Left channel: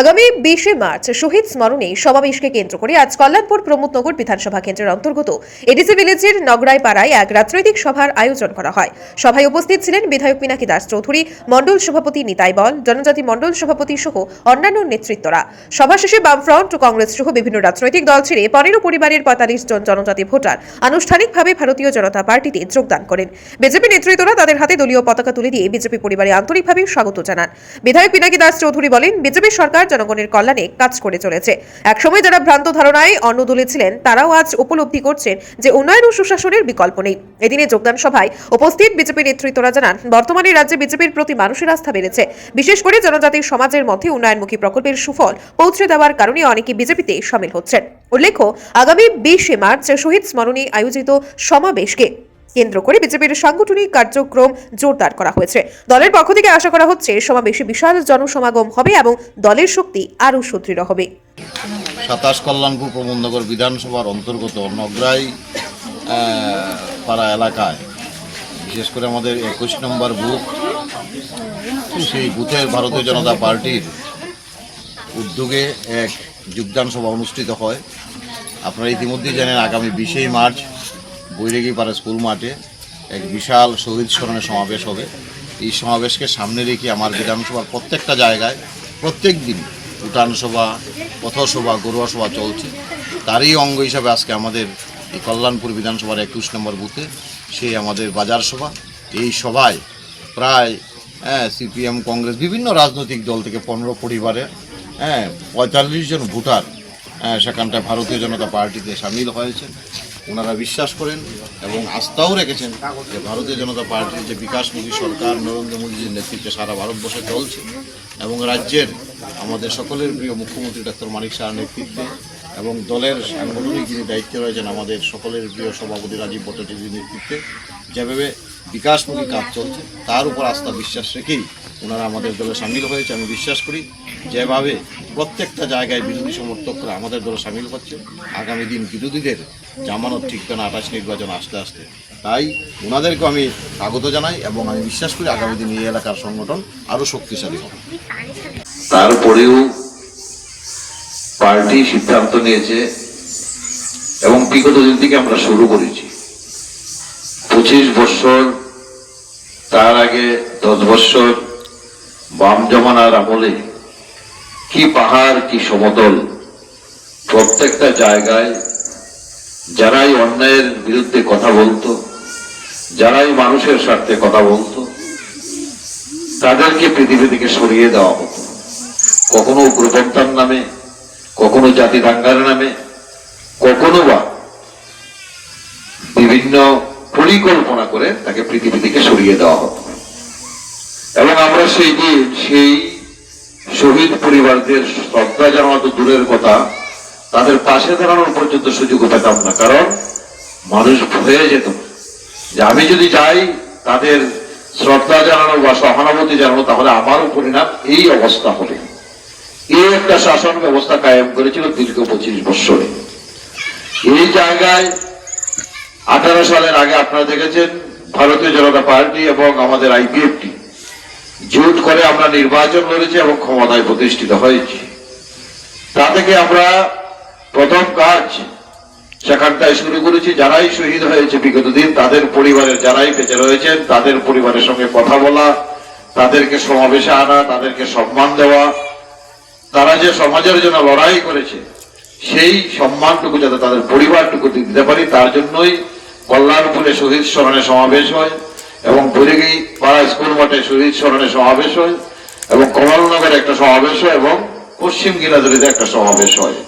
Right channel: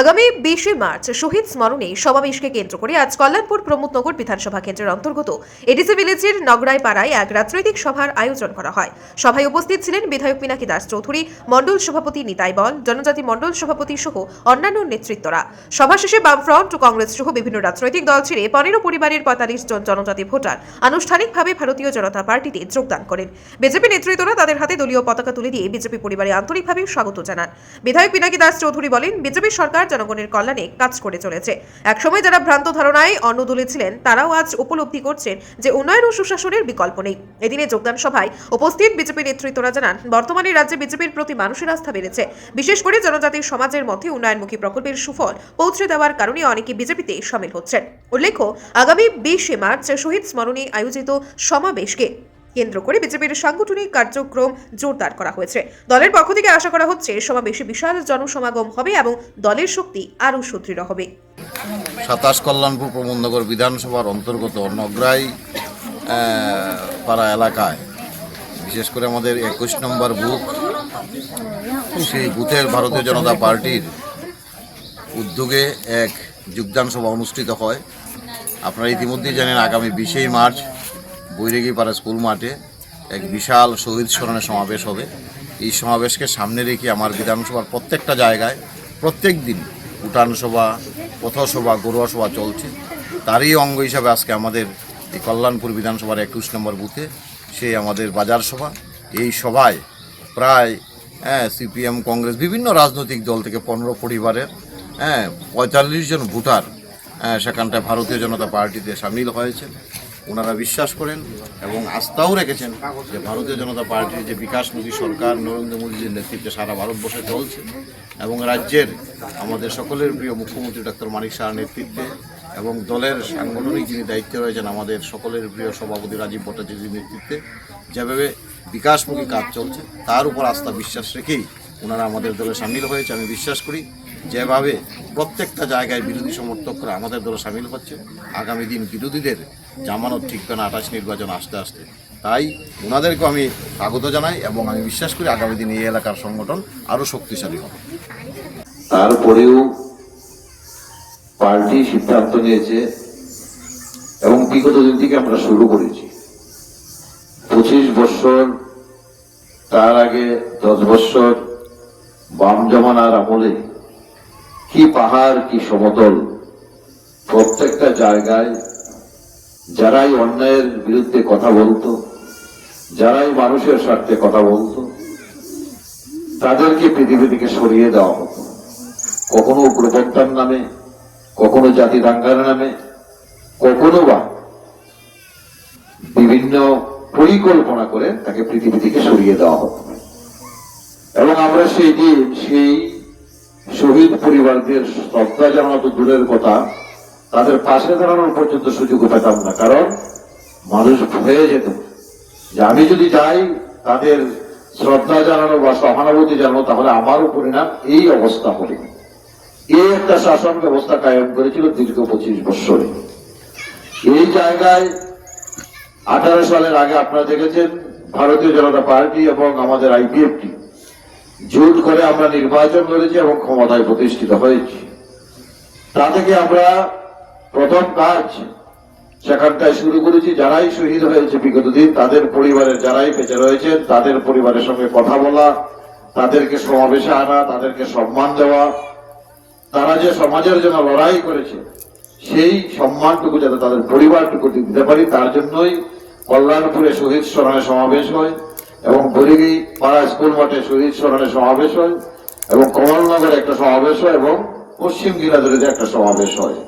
আগামী 20 মার্চ শহীদ স্মরণে সমাবেশকে কেন্দ্র করে আজ কল্যাণপুর প্রমোদনগর বিধানসভা কেন্দ্রের অন্তর্গত এডিসি ভিলেজের নগরাই পাড়ায় এক রাজনৈতিক সভার আয়োজন করা হয়। সভায় উপস্থিত ছিলেন বিধায়ক পিনাকি দাস চৌধুরী, মণ্ডল সভাপতি নিতাই বল, জনজাতি মণ্ডল সভাপতি সহ অন্যান্য নেতৃত্বরা। সভা শেষে বামফ্রন্ট ও কংগ্রেস সহ বিভিন্ন রাজনৈতিক দল ছেড়ে 15 পরিবারের 45 জন জনজাতি ভোটার আনুষ্ঠানিকভাবে ভারতীয় জনতা পার্টিতে যোগদান করেন। বিজেপি নেতৃত্বরা তাদের হাতে দলীয় পতাকা তুলে দিয়ে বিজেপি পরিবারে আন্তরিকভাবে স্বাগত জানান। বিধায়ক পিনাকি দাস চৌধুরী বলেন, বিজেপি সরকার জনগণের কল্যাণে কাজ করে চলেছে। একসময় যারা ভ্রান্ত ধারণায় অন্য দলে ছিলেন তারাও আজ উপলব্ধি করছেন যে উন্নয়ন ও সুশাসনের বিকল্প নেই। এদিনে যোগদান সভায় উপস্থিত বিজেপি নেতৃত্বরা জানান, বর্তমানে রাজ্যে বিজেপির প্রতি মানুষের আস্থা বেড়েছে। বিশেষ করে জনজাতি সমাজের মধ্যে উন্নয়নমুখী প্রকল্পের সুফল পৌঁছে দেওয়ার কারণে অনেকে বিজেপিতে শামিল হচ্ছেন। উল্লেখ্য, আগামী 20 মার্চ শহীদ স্মরণে আয়োজিত সমাবেশকে কেন্দ্র করে বিজেপির সাংগঠনিক কার্যক্রম জোরদার করা হয়েছে। দলের পক্ষ থেকে আশা করা হচ্ছে সমাবেশে বিশাল জনসমাগম হবে এবং দলের শক্তি আরও সুদৃঢ় হবে। 27 কল্যাণপুর প্রমোদনগর বিধানসভার অন্তর্গত নগরাই পাড়া এলাকায়, বিশেষ করে আমাদের 21 নম্বর বুথ, সেই বুথের ভারতীয় জনতা পার্টির উদ্যোগে এক যোগদান সভা অনুষ্ঠিত হয়। আপনারা ইতিমধ্যে জানেন, আগামী 20 মার্চ বৈরাগীপাড়া স্কুল মাঠে এক বিশাল শহীদ স্মরণে সমাবেশ হবে। এই সমাবেশকে সামনে রেখে আমার বিধানসভার প্রত্যেকটা জায়গায় প্রত্যেক দিন উঠান সভা, পথসভা, গরুয়া সভা চলছে। তারই অঙ্গ হিসাবে আজকে আমাদের এই কল্যাণপুর বিধানসভার 21 নম্বর বুথে সেই আমাদের বাজার সভা। এই সভায় প্রায় সিপিএম, কংগ্রেস, বিভিন্ন রাজনৈতিক দল থেকে 15 পরিবারের 45 জন ভোটার সেখানটায় ভারতীয় জনতা পার্টিতে সামিল হয়েছে। ওনারা বিশ্বাস করেন এবং আস্থাও রেখেছেন যে ভারতীয় জনতা পার্টির যে বিকাশমুখী সরকার নরেন্দ্র মোদীর নেতৃত্বে সারা ভারতবর্ষে চলছে এবং রাজ্যের আমাদের সকলের প্রিয় মুখ্যমন্ত্রী ডক্টর মানিক সাহার নেতৃত্বে এবং দলের সাংগঠনিক যিনি দায়িত্বে রয়েছেন আমাদের সকলের প্রিয় সভাপতি রাজীব ভট্টাচার্যের নেতৃত্বে যেভাবে বিকাশমুখী কাজ চলছে তার উপর আস্থা বিশ্বাস রেখেই ওনারা আমাদের দলে সামিল হয়েছে। আমি বিশ্বাস করি যেভাবে প্রত্যেকটা জায়গায় বিরোধী সমর্থকরা আমাদের দলে সামিল হচ্ছে, আগামী দিন বিরোধীদের জামানত ঠিকবে না 28 নির্বাচন আসতে আসতে। তাই ওনাদেরকেও আমি স্বাগত জানাই এবং আমি বিশ্বাস করি আগামী দিন এই এলাকার সংগঠন আরও শক্তিশালী হবে। তারপরেও পার্টি সিদ্ধান্ত নিয়েছে এবং বিগত দিন থেকে আমরা শুরু করেছি 25 বছর, তার আগে 10 বছর বাম জমানার আমলে কি পাহাড় কি সমতল, প্রত্যেকটা জায়গায় যারাই অন্যায়ের বিরুদ্ধে কথা বলতো, যারাই মানুষের স্বার্থে কথা বলতো, তাদেরকে পৃথিবী থেকে সরিয়ে দেওয়া হতো। কখনো উগ্রপন্থার নামে, কখনো জাতি দাঙ্গার নামে, কখনো বা বিভিন্ন পরিকল্পনা করে তাকে পৃথিবী থেকে সরিয়ে দেওয়া হতো। এবং আমরা সেই শহীদ পরিবারদের শ্রদ্ধা জানানো তো দূরের কথা, তাদের পাশে দাঁড়ানোর পর্যন্ত সুযোগ পেতাম না। কারণ মানুষ ভুলে যেত যে আমি যদি যাই তাদের শ্রদ্ধা জানানো বা সহানুভূতি জানানো, তাহলে আমারও পরিণাম এই অবস্থা হবে। এই একটা শাসন ব্যবস্থা কায়েম করেছিল দীর্ঘ 25 বছরে। এই জায়গায় 18 সালের আগে আপনারা দেখেছেন ভারতীয় জনতা পার্টি এবং আমাদের আইপিএফটি জোট করে আমরা নির্বাচন লড়েছি এবং ক্ষমতায় প্রতিষ্ঠিত হয়েছি। তা থেকে আমরা প্রথম কাজ সেখানটায় শুরু করেছি, যারাই শহীদ হয়েছে বিগত দিন তাদের পরিবারের যারাই বেঁচে রয়েছেন তাদের পরিবারের সঙ্গে কথা বলা, তাদেরকে সমাবেশে আনা, তাদেরকে সম্মান দেওয়া। তারা যে সমাজের জন্য লড়াই করেছে সেই সম্মানটুকু যাতে তাদের পরিবারটুকু দিতে পারি, তার জন্যই কল্যাণপুরে শহীদ স্মরণে সমাবেশ হয় এবং বৈরাগী পাড়া স্কুল মাঠে শহীদ স্মরণে সমাবেশ হয় এবং কমলনগরে একটা সমাবেশ হয় এবং পশ্চিম গিরাদুরিতে একটা সমাবেশ হয়।